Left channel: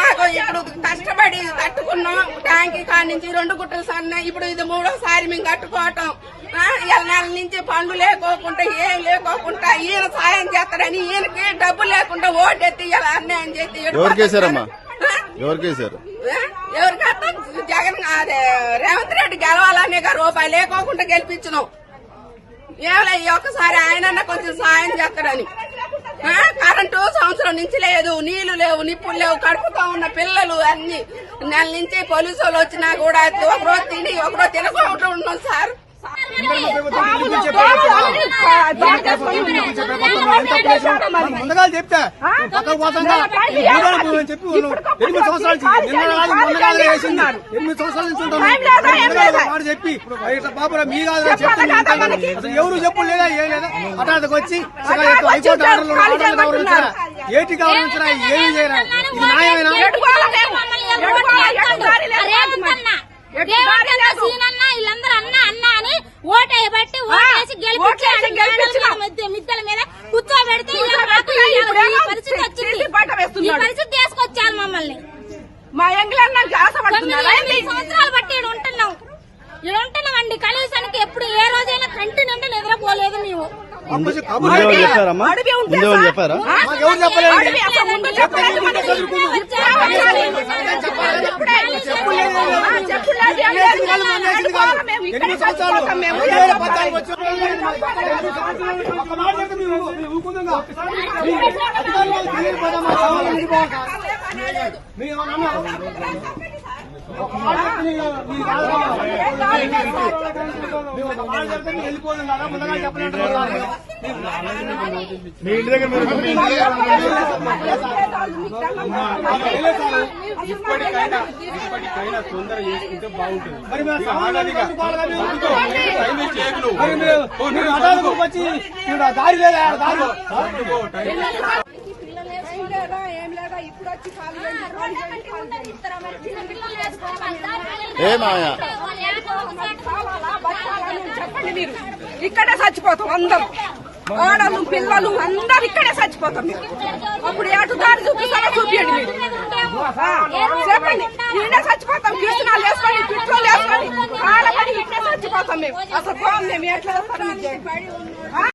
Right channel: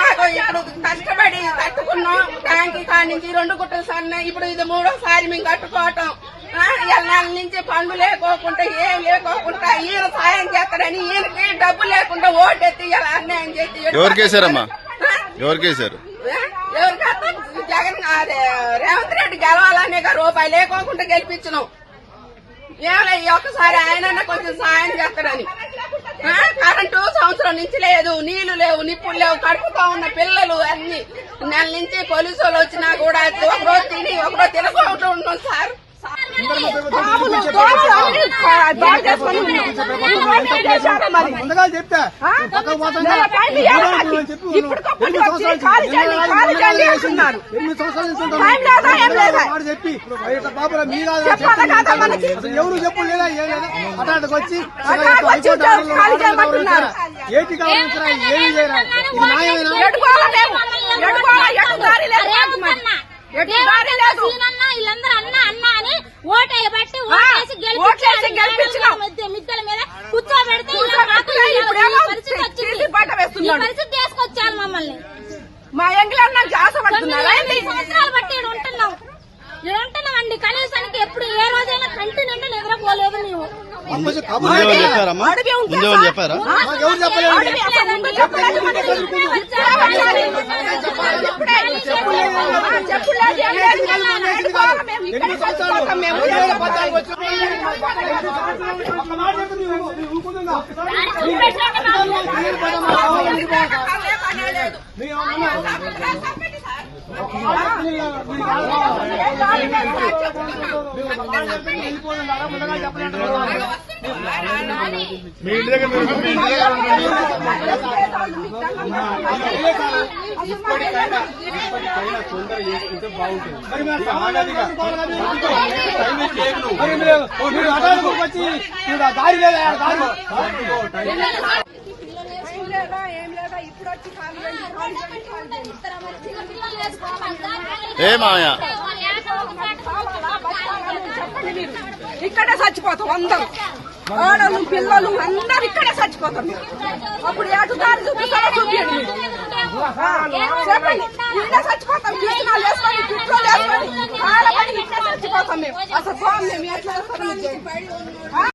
మాకు ఇప్పుడు కష్టపడి కట్టుకున్నాం ట్యాంకి కాడి నుంచి 2 గుట్టలు సన్న ఇప్పుడు ఇది 3వ సారి మేము కట్టుకోవటం. నెల నుంచి పనులు లేకోకుండా ఏం లేకోకుండా ఈయన సాయం చేస్తాడని ఈయనకి డబ్బు లేకుండా ఓటెత్తి అన్యాయం చేసి ఎవరికేసారమ్మా ఎవరికేసారు ఎవరికైతే జగన్ రేవంత్ రెడ్డి గెలవాలనే రూపాయి లేకోకుండా గెలిపించినాం. ఏమైనా ఒక్కసారి ఆయన కొంచెం సాయం చేస్తాడని. కరెంటు సంవత్సరం నుంచి లేదు, నీళ్లు లేవు, నిప్పులు లేవు, కడుపుతా ఉన్న పిల్లలు అన్ని నెల నుంచి పోలీసు వాళ్ళు వచ్చినా కూడా ఒకరోజు తిని ఒకరోజు తినకుండా ఉన్నాం సార్. ముందుగా చెప్తా పక్కకు పోతుందా చెప్పి 8 సంవత్సరాల నుంచి వేసింది 8 సంవత్సరాల నుంచి ఉంటాను మాట చెప్పి బాబు మీ కాదు చెప్తాను. అసలు ఎవరు చెప్పు లేదా ఏం లేదా హఠాత్తుకు వచ్చి హైకోర్టు ఆర్డర్లు గౌరవించరా ఏటి గౌరవించరా ఏమీ చేయరా ఇది న్యాయమేనా? వీళ్ళందరూ అన్నా అని ఓటేయబట్టి ఓటేసి మిద్దెల మీద కూర్చోబెడితే పరిస్థితి వచ్చింది. ఈ పరిస్థితి తీసుకొచ్చాను మమ్మల్ని. మా ఎంగిలన్న 8 సంవత్సరాలు బట్టి ఇక్కడ ఉంటున్నామండి. కనీసానికి ఎప్పుడు ఏ రోజైనా కంటి నిండా నిద్రపోలేదు నీవు. చెప్పారా ఎవరు చెప్పలేదు. ఇప్పటికైనా తొందర చేసుకుంటే బాగుంటుంది. వచ్చి దారి ఏ మాయా ఇక్కడే చచ్చిపోతాం అందరూ, ఆడలు పిల్లలు అందరూ ఇక్కడే చచ్చిపోతాం. అప్పుడు ఎటు దారి చూపిస్తారో చూపించండి మీరు చెప్పండి. ఈయన చచ్చిపోతాం కిరణాలు వేసుకొని కిట్లు వేసుకొని కాలపడి ఇక్కడే చచ్చిపోతాం మేము. అసలు మేము ఎట్లా వేస్తాం